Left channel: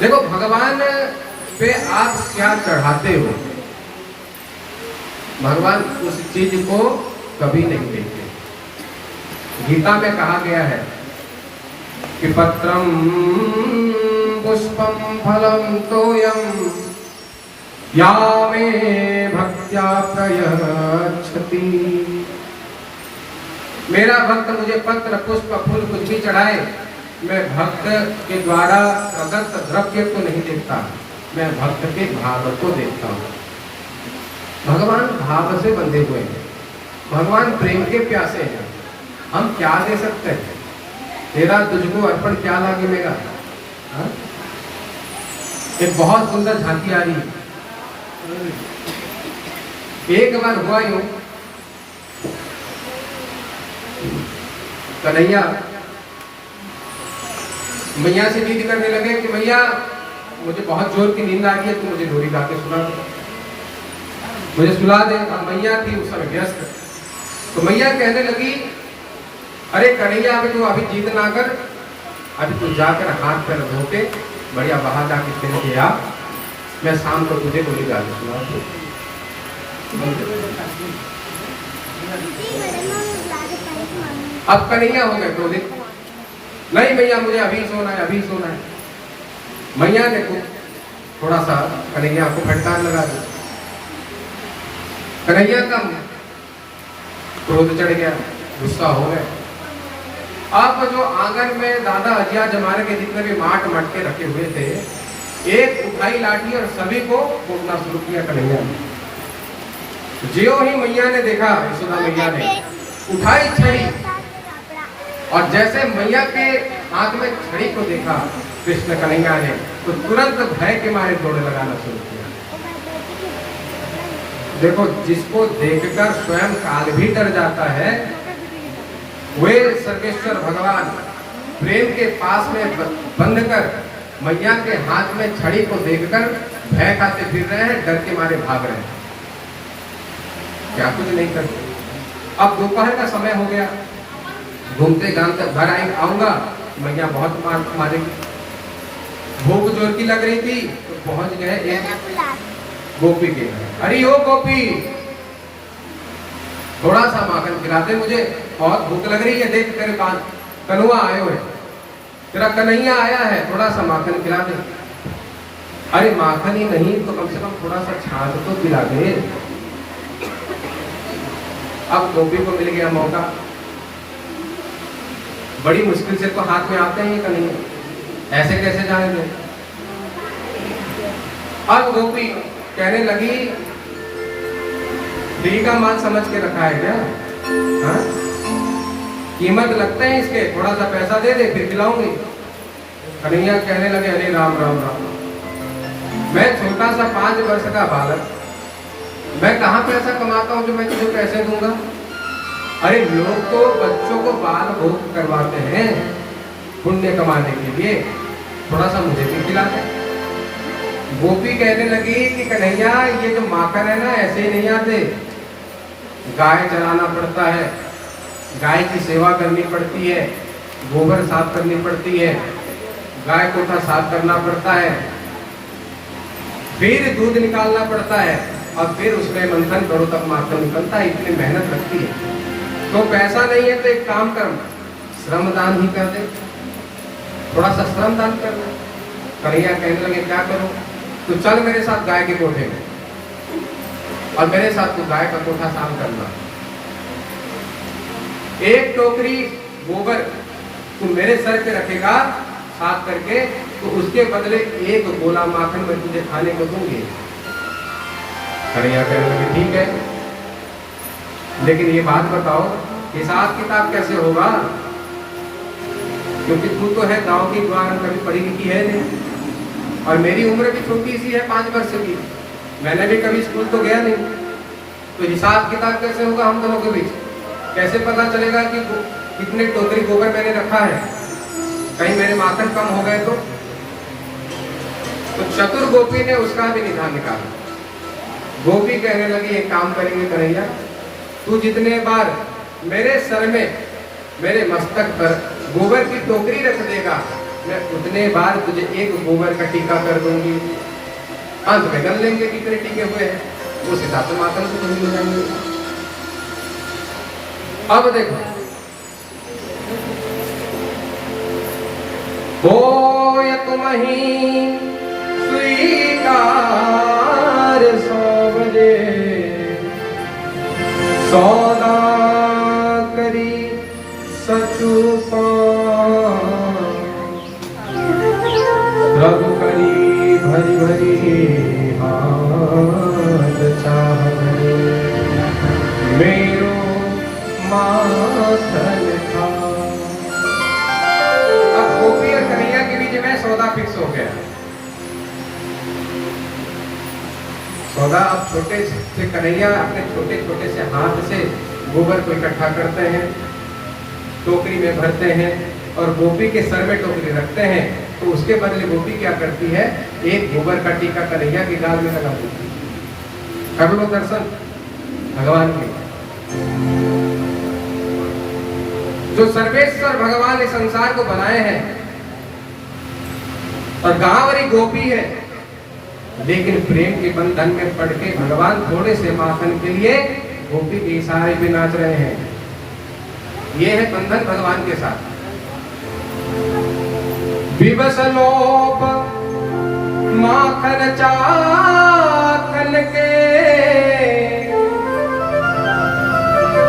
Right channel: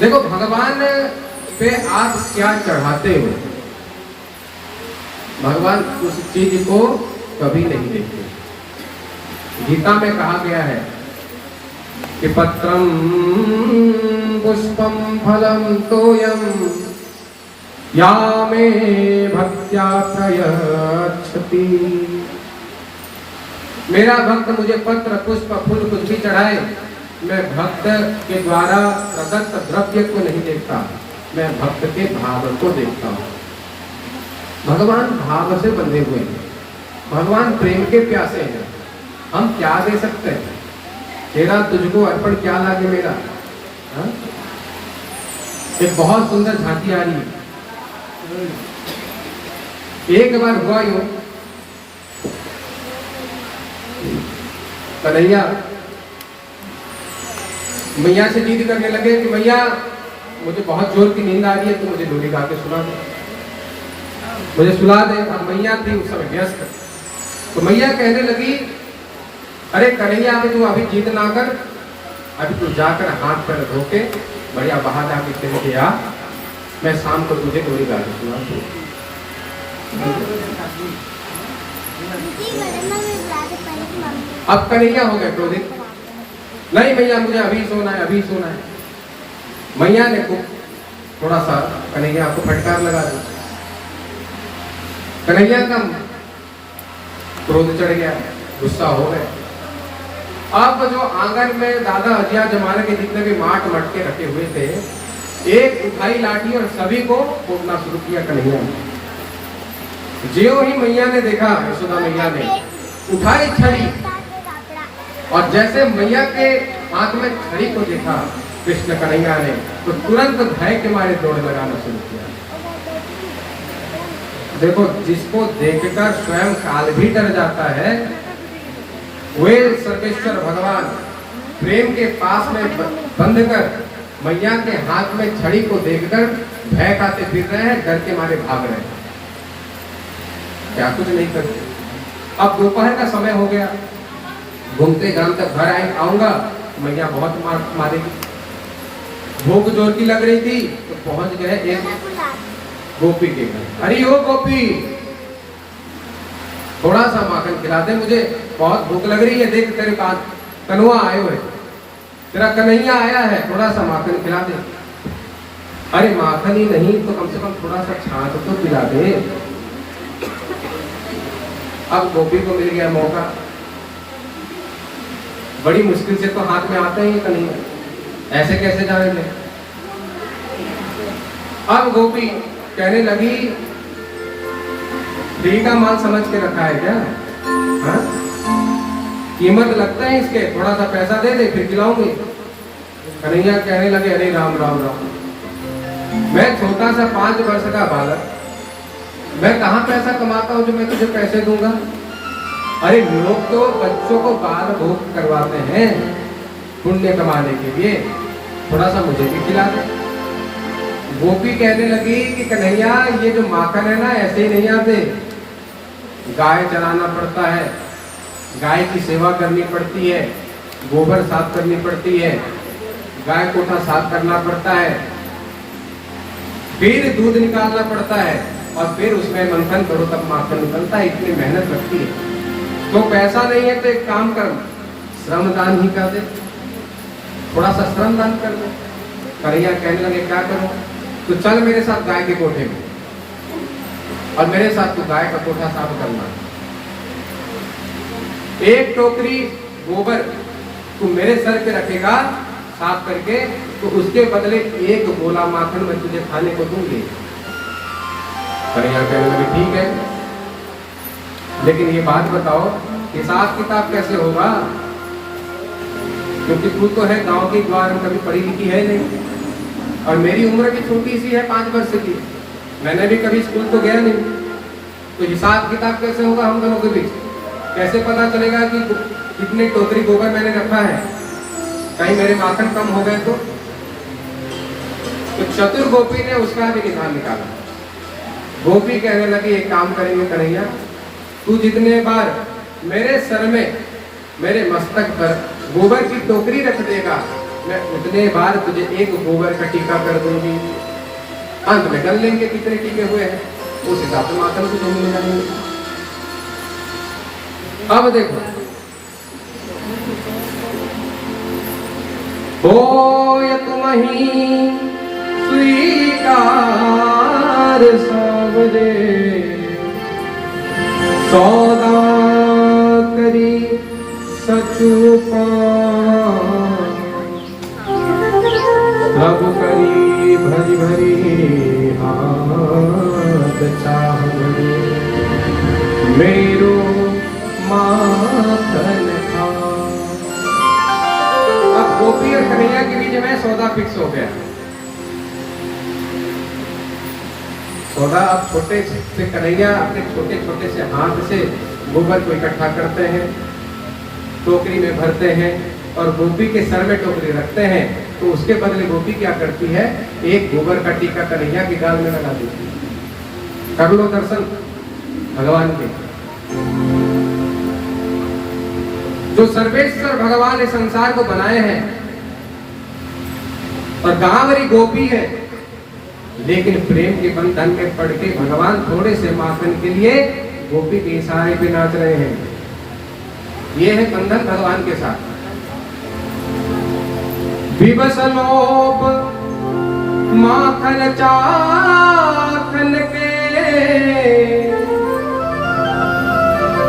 देखो भगवान पे आप क्या चढ़ाते हो, भगवान उस चीज को कभी नहीं देखते। गीता में कहा गया है कि पत्रम पुष्पम फलम तोयम या मे भक्त्या प्रयच्छति। मेरा भक्त मुझे पत्र पुष्प फूल कुछ भी चढ़ाए, मैं भक्त के द्वारा प्रदत्त द्रव्य को नहीं देखता, मैं भक्त के भाव को देखता हूँ। भगवान भाव से बंधे हुए हैं, भगवान प्रेम के प्यासे हैं। हम क्या दे सकते हैं? तेरा तुझको अर्पण क्या लागे मेरा। हा? एक बहुत सुंदर झांकी आ रही है। एक बार हुआ यूं, कन्हैया मैया से जिद करने लगे कि मैया मुझे बहुत जोर की नींद आ रही है, तो मुझे लोरी गा के सुना दो, मुझे सुला दे। अब मैया थी उस समय व्यस्त, तो मैया कहने लगी अरे कन्हैया अभी तू अभी जिद ना कर, अभी तू जाकर हाथ पैर धो के बढ़िया बाहर जाके खेल के आ, मैं शाम को तुझे लोरी गा के सुना दूँ। अब कन्हैया हो गए क्रोधित, नहीं भैया मुझे अभी सोना है, अभी सोना है। मैया ने थोड़ा सा कन्हैया को फटकार लगा दी। कन्हैया का क्रोध चढ़ गया, गुस्सा हो गए। अब जो आंगन में दादा अजिया जमाने के जितने भी माट मटके रखे हुए थे, एक उठाई लाठी और सभी को कूटना शुरू किया कन्हैया ने। ज्यों ही मैया ने देखा, यशोदा मैया ने उठाई छड़ी, और जैसे मैया के हाथ में छड़ी को देखा कृष्ण कन्हैया ने, तो तुरंत भय के मारे दौड़ लगाना शुरू किया। देखो जिसको देखकर स्वयं काल भी डर जाता है, वे सर्वेश्वर भगवान प्रेम के पास में बंध कर मैया के हाथ में छड़ी को देखकर भय खाते फिर रहे हैं, डर के मारे भाग रहे हैं, क्या कुछ नहीं करते। अब दोपहर का समय हो गया, घूमते घामते घर आऊंगा, मैया बहुत मार मारेगी। भूख जोर की लग रही थी, तो पहुंच गए एक गोपी के घर। अरे ओ गोपी, थोड़ा सा माखन खिला दे, मुझे बहुत भूख लग रही है, देख तेरे पास कन्हैया आए हुए, तेरा कन्हैया आया है, थोड़ा सा माखन खिला दे। अरे माखन ही नहीं तो कम से कम थोड़ा सा छाछ तो खिला दे। अब गोपी को मिल गया मौका, बड़ी मुश्किल से तो हाथ में आते हैं कन्हैया, ऐसे कैसे जाने दे। अब गोपी कहने लगी फ्री का माल समझ के रखा है क्या? हा? कीमत लगते हैं इसके, थोड़ा सा पैसा दे दे फिर खिलाऊंगी। कन्हैया कहने लगे अरे राम राम राम, मैं छोटा सा 5 वर्ष का बालक, मैं कहाँ पैसा कमाता हूँ जो मैं तुझे पैसे दूंगा। अरे लोग तो बच्चों को बाल भोग करवाते हैं पुण्य कमाने के लिए, थोड़ा सा मुझे भी खिला दे। गोपी कहने लगी कि कन्हैया ये जो माखन है ना ऐसे ही नहीं आते, गाय चराना पड़ता है, गाय की सेवा करनी पड़ती है, गोबर साफ करनी पड़ती है, गाय कोठा साफ करना पड़ता है, फिर दूध निकालना पड़ता है, और फिर उसमें मंथन करो तब माखन निकलता है, इतनी मेहनत लगती है। तो पैसा नहीं है तो एक काम कर, श्रमदान ही कर दे, थोड़ा सा श्रमदान कर दे। कन्हैया कहने लगे क्या करो? तो चल मेरे साथ गाय के कोठे में, और मेरे साथ तू गाय का कोठा साफ करना। एक टोकरी गोबर तू मेरे सर पे रखेगा साफ करके, तो उसके बदले एक गोला माखन मैं तुझे खाने को दूंगी। कन्हैया कहने लगे ठीक है, लेकिन ये बात बताओ हिसाब किताब कैसे होगा, क्योंकि तू तो है गांव की द्वार, कभी पढ़ी लिखी है नहीं, और मेरी उम्र भी छोटी सी है 5 वर्ष की, मैंने भी कभी स्कूल तो गया नहीं, तो हिसाब किताब कैसे होगा हम दोनों के बीच? कैसे पता चलेगा कि कितने टोकरी गोबर मैंने रखा है, कहीं मेरे माखन कम हो गए तो चतुर गोपी ने उसका भी निशान निकाला। गोपी कहने लगी एक काम करेंगे कन्हैया, तू जितने बार मेरे सर में, मेरे मस्तक पर गोबर की टोकरी रख देगा, मैं उतने बार तुझे एक गोबर का टीका कर दूंगी, अंत में कर लेंगे कितने टीके हुए हैं, उस हिसाब से मातम को नहीं मिलाएंगे। अब देखो, होय तुम्हीं स्वीकार सौवरे, सौदा करी सचुपा, सब करी भरी भरी हाथ चाहे, मेरो माखन खा। अब गोपी और कन्हैया के बीच में सौदा फिक्स हो गया। सौदा अब छोटे से कन्हैया अपने छोटे छोटे से हाथ से गोबर को इकट्ठा करते हैं, टोकरी में भरते हैं और गोपी के सर में टोकरी रखते हैं। तो उसके बदले गोपी क्या करती है, एक गोबर का टीका कन्हैया के गाल में लगा देती है। कर लो दर्शन भगवान के। जो सर्वेश्वर भगवान इस संसार को बनाए हैं और गांवरी गोपी है, लेकिन प्रेम के बंधन में पड़ के भगवान थोड़े से माखन के लिए गोपी के इशारे पे नाच रहे हैं। ये है बंधन भगवान के साथ। विवश लोभ माखन चाखन के,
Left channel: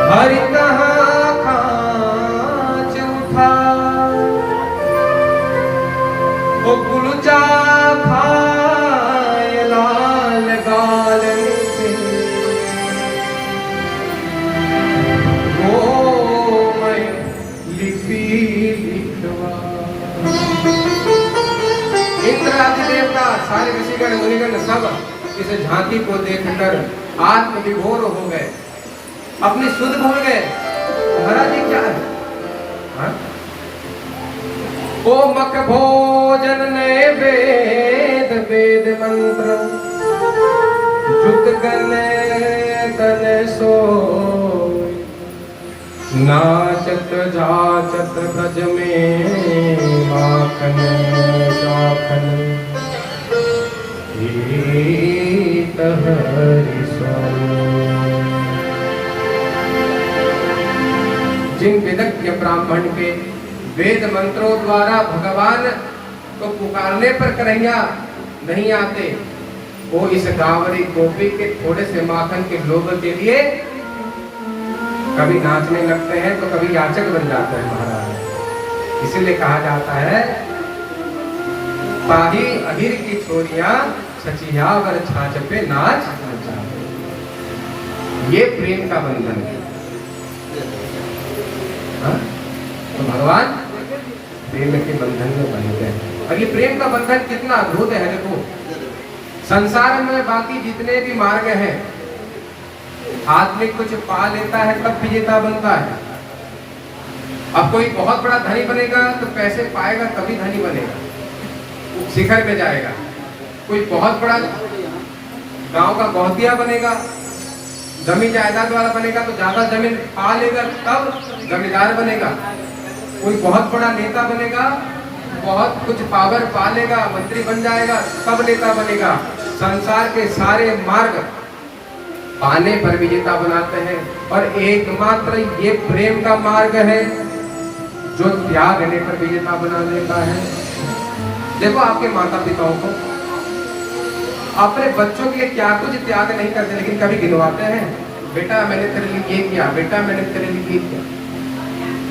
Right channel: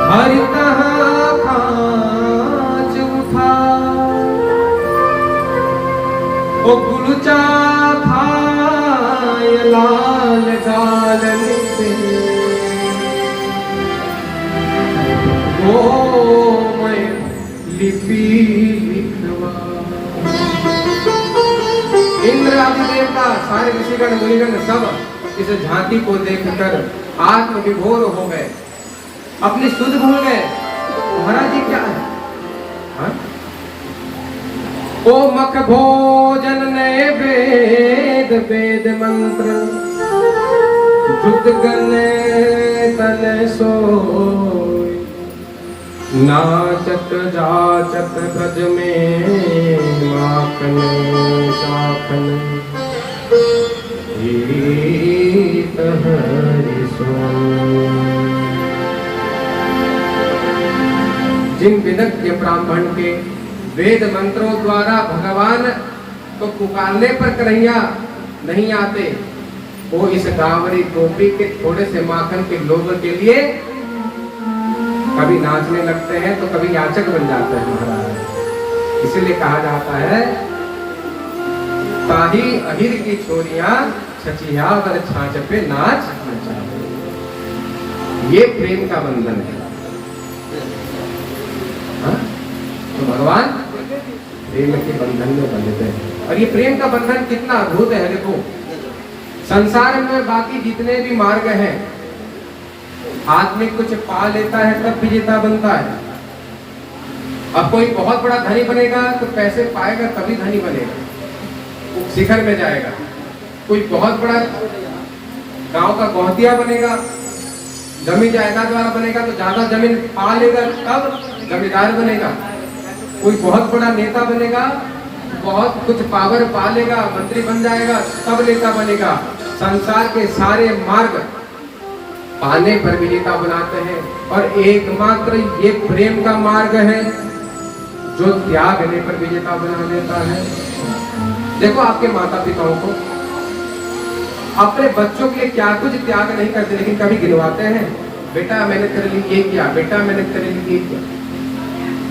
हरि कहाँ कांच उठा, ओ गुलचा खाय लाल गाल निते, गोमय लिपि लिखवा। इंद्र आदि देवता सारे ऋषिगण मुनिगण सब इस झांकी को देखकर आत्मविभोर हो गए, अपनी सुध भूल गए। महाराज जी क्या है? हाँ? ओ मक भोजन ने वेद वेद मंत्र, जुत गने तने सोय, नाचत जाचत ब्रज में माखन चाखन, गीत हरि सोय। जिन विदग्ध ब्राह्मण के वेद मंत्रों द्वारा भगवान को पुकारने पर कन्हैया नहीं आते, वो इस गांवरी गोपी के थोड़े से माखन के लोभ के लिए कभी नाचने लगते हैं तो कभी याचक बन जाते हैं महाराज। इसलिए कहा जाता है, ताही अहिर की छोरियां छचिया वर छाछ पे नाच नचावे। ये प्रेम का बंधन है। हाँ? तो भगवान प्रेम के बंधन में बंधते हैं। और ये प्रेम का बंधन कितना अद्भुत है। देखो, संसार में बाकी जितने भी मार्ग हैं, आदमी कुछ पा लेता है तब विजेता बनता है। अब कोई बहुत बड़ा धनी बनेगा तो पैसे पाएगा तभी धनी बनेगा, शिखर में जाएगा। कोई बहुत बड़ा गांव का बहुतिया बनेगा, जमीन जायदाद वाला बनेगा तो ज्यादा जमीन पा लेगा तब जमींदार बनेगा। कोई बहुत बड़ा नेता बनेगा, बहुत कुछ पावर पा लेगा, मंत्री बन जाएगा तब नेता बनेगा। संसार के सारे मार्ग पाने पर विजेता बनाते हैं और एकमात्र ये प्रेम का मार्ग है जो त्यागने पर विजेता बना देता है। देखो, आपके माता पिताओं को अपने बच्चों के लिए क्या कुछ त्याग नहीं करते, लेकिन कभी गिनवाते हैं, बेटा मैंने तेरे लिए ये किया, बेटा मैंने तेरे लिए ये किया।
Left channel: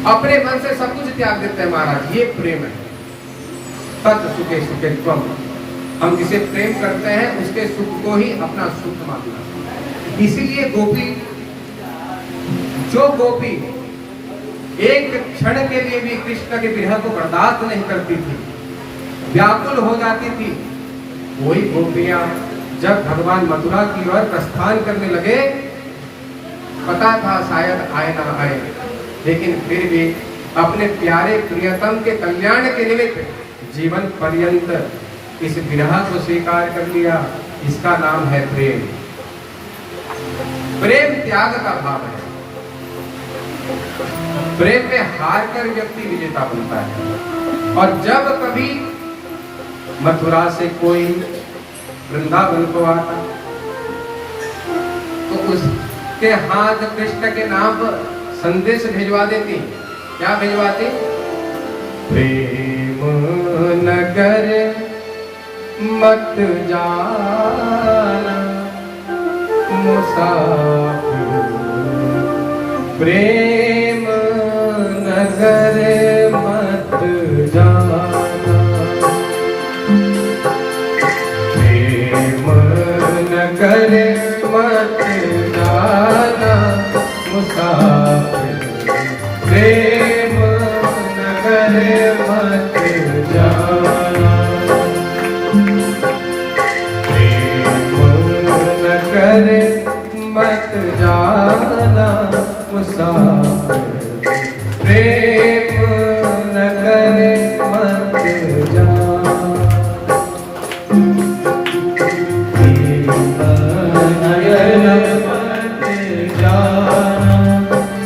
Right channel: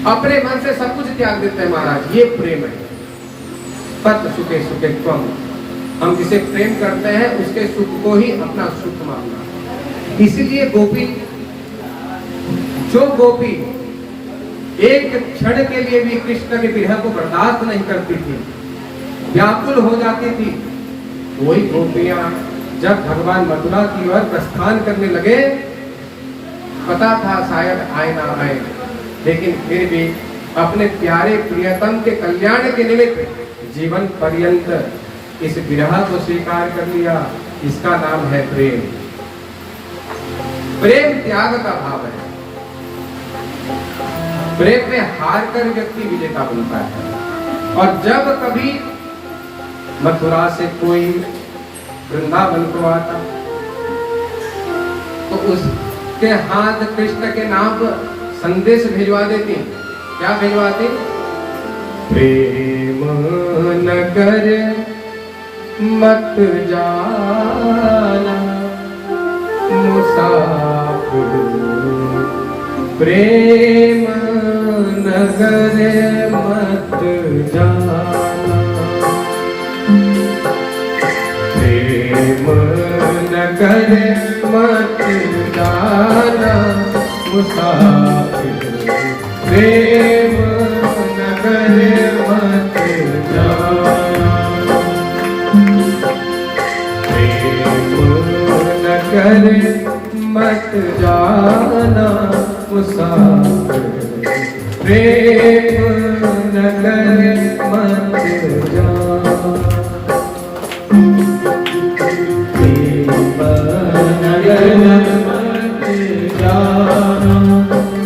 अपने मन से सब कुछ त्याग देते हैं महाराज। ये प्रेम है। तत् सुखे सुखे त्वम। हम जिसे प्रेम करते हैं उसके सुख को ही अपना सुख मानना। इसीलिए गोपी, जो गोपी एक क्षण के लिए भी कृष्ण के विरह को बर्दाश्त नहीं करती थी, व्याकुल हो जाती थी, वही गोपियां जब भगवान मथुरा की ओर प्रस्थान करने लगे, पता था शायद आए ना आए, लेकिन फिर भी अपने प्यारे प्रियतम के कल्याण के निमित्त जीवन पर्यंत इस विरह को स्वीकार कर लिया। इसका नाम है प्रेम। प्रेम त्याग का भाव है। प्रेम में हार कर व्यक्ति विजेता बनता है। और जब कभी मथुरा से कोई वृंदावन को आता तो उसके हाथ कृष्ण के नाम पर संदेश भिजवा देती। क्या भिजवाती? प्रेम नगर मत जाना मुसाफिर, प्रेम नगर मत जाना, प्रेम नगर मत जाना मुसाफिर, प्रेम नगर मत जाना, प्रेम नगर मत जाना मुसाफिर, प्रेम नगर मत जाना, प्रेम नगर मत जाना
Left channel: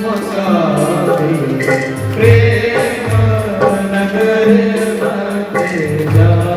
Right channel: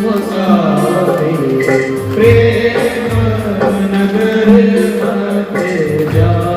मुसाफिर, प्रेम नगर मत जाना।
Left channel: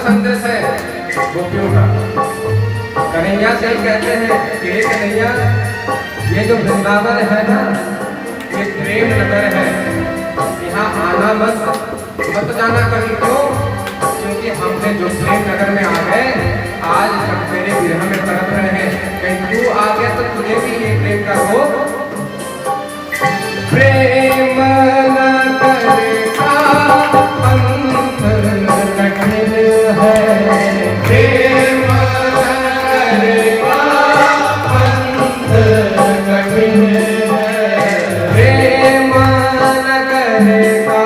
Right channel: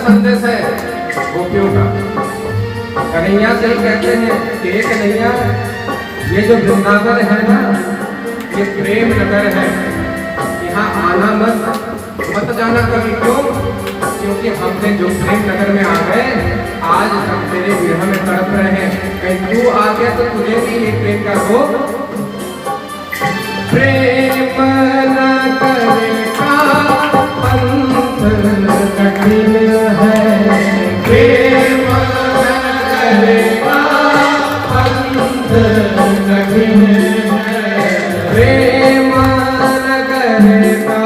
संदेश है गोपियों का। कन्हैया से कहते हैं कि कन्हैया ये जो वृंदावन है ना, ये प्रेम नगर है, यहाँ आना मत जाना कभी। क्यों? क्योंकि हमने जो प्रेम नगर में आ गए, आज हम तेरे विरह में तड़प रहे हैं। कहीं तू आ गया तो तुझे भी ये प्रेम का हो। प्रेम नगर का पंथ कठिन है, प्रेम नगर का पंथ कठिन है, प्रेम नगर का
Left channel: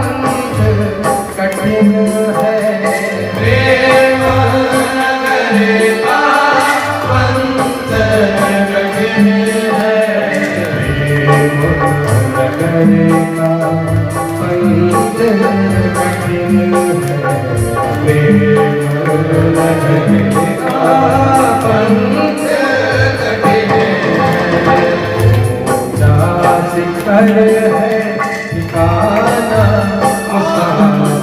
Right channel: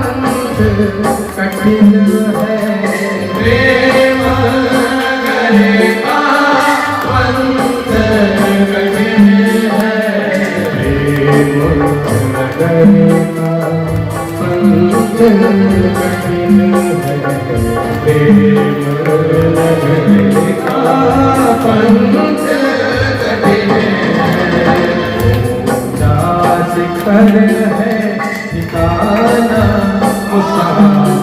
पंथ कठिन है, प्रेम नगर का पंथ कठिन है, प्रेम नगर का पंथ कठिन है, प्रेम नगर का पंथ कठिन है, उदास कर है ठिकाना मुसाफिर,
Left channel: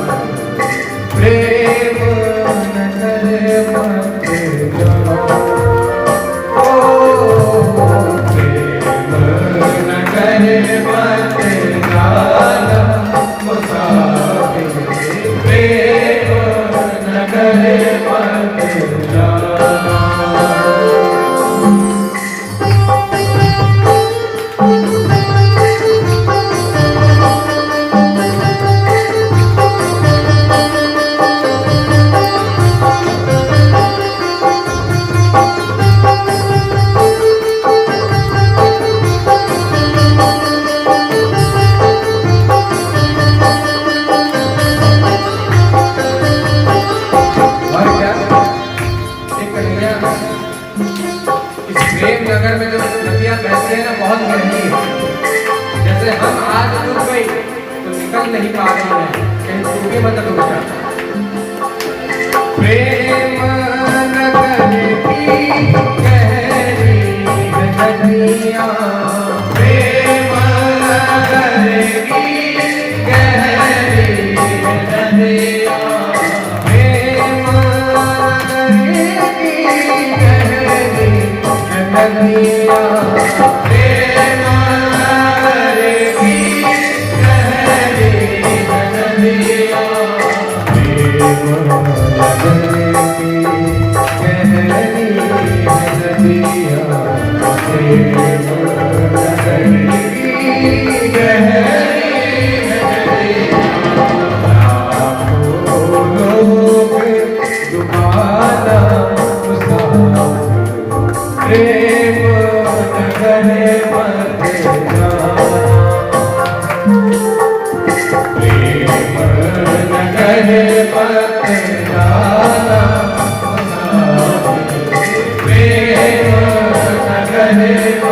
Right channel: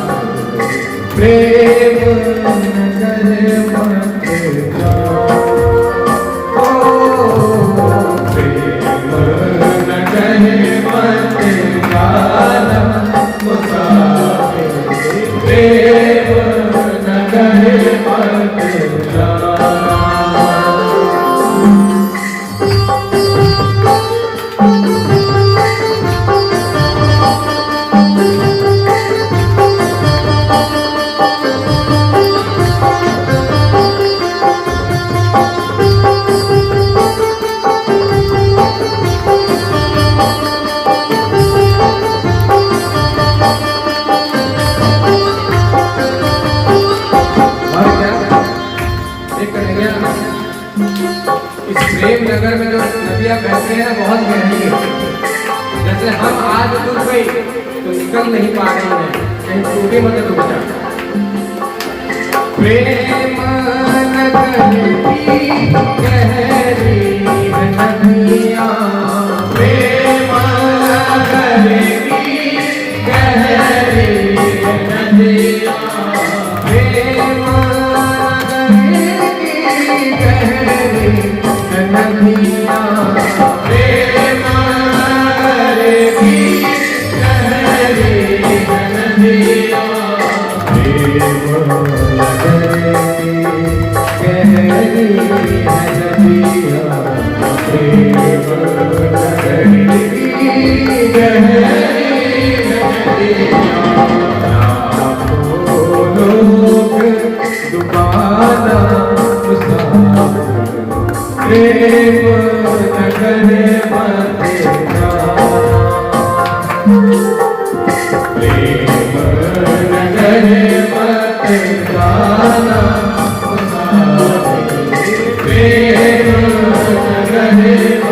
प्रेम नगर मत जाओ, प्रेम नगर मत जाना मुसाफिर, प्रेम नगर मत जाना। इस प्रेम नगर में जो नदियाँ बहती है ना, बहुत गहरी है। जैसे हम आज डूब गई तो निकल नहीं पा रहे हैं, कहीं डूबे मत डूब जाए। प्रेम नगर की गहरी है नदियाँ, प्रेम नगर की गहरी है नदियाँ, प्रेम नगर की गहरी है नदियाँ, प्रेम नगर की गहरी है नदियाँ, प्रेम प्रेम सगहे